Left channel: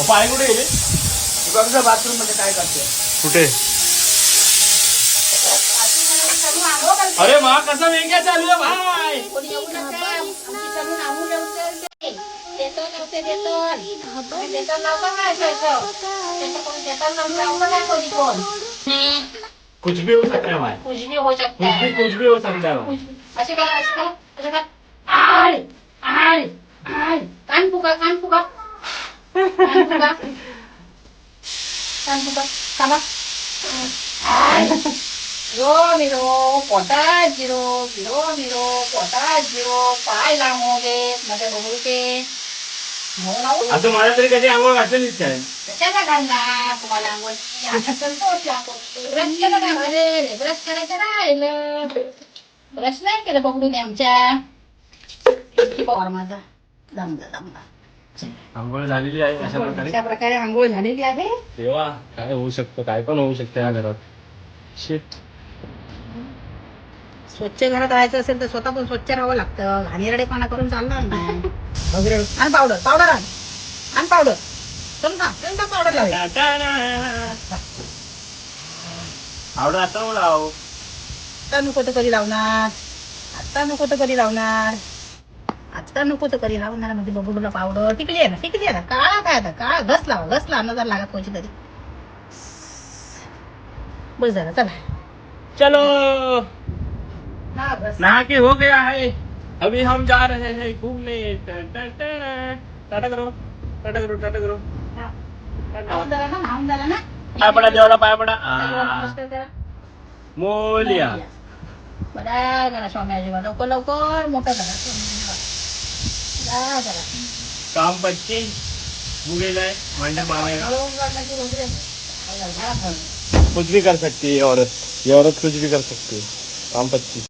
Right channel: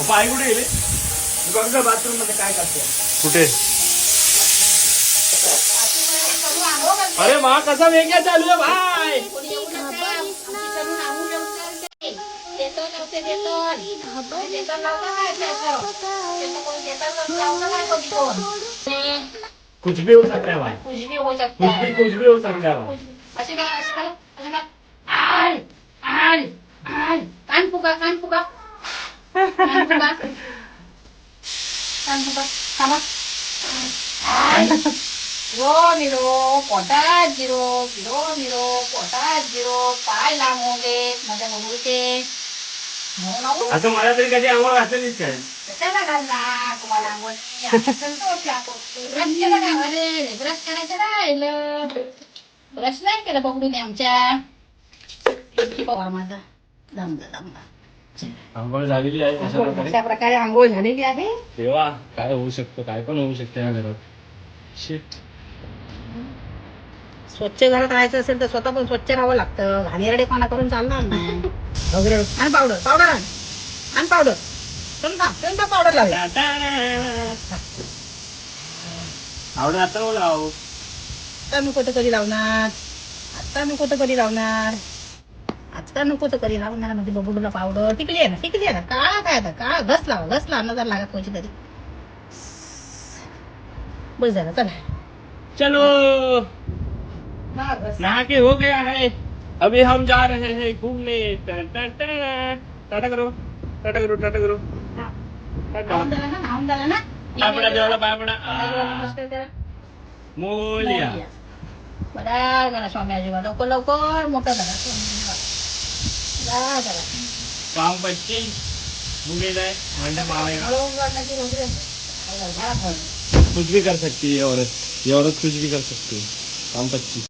आई कुठे गेली? बाथरूम मध्ये काय करते? कुठे? अरे मा कसा वेगळा चालू आहे भाई. कुछ भी हो सकता है भाई. कुछ भी हो सकता है. कुछ भी हो सकता है भाई. असे काय असतं असे काय आय आय आय कान फुका कान फुका कान फुका कान फुका कामा रो मिरो पोटात जिरो जिरो मिरो पोटात जिरो पाय लांबू दे माझ्या बघूचे असं मला तरी कधी आंघोळ घातलेलीच काय. कशाला घालला तुम्हाला आंघोळ संतोष लागतो ब्रश केला का अरे ब्रश करायचं राहिलं ब्रश नाही केलं पकडून आमच्या पवार माझा दमदा दमदा आंघोळ झालेली आहे कशा प्रकारे. अशा प्रकारे आंघोळ झालेली आहे. देवा काय होऊ शकतं, काय पण होऊ शकतं या घरात. शिट. स्वच्छ घरात राहायचं असेल तर स्वतः पण स्वच्छ राहावं लागतं. घाणेरडेपणा करून चालणार नाही. वगैरे आणि पावडर पावडर आण पावडर चल पावडर लावे आवडत आता मला लाव. आता नको तर कधी लावणार आता नको तर कधी लावणार आता नको तर कधी लावणार म्हणजे बबडूला पावडर टिकली आहे ना काळा काय आता काळा घस लावा नजर लागत कोणची तरी बस झालं चला चलो हा बस नहा के हो गया है. अभी हम जा रहे हैं घूमने. टाटा करो टाटा करो टाटा करो. नाहून झाला ना पाय पडा देवाला पाय पडा. मस्त करा. मोलिया. बडा जरा स्वामी आजीबा लवकर मोठा झाला जरा काम बच्चे मुझे जाए मंडा मारेगा. कुछ भी कर सकती है ये औरत कुछ भी कर सकती है. काम 25.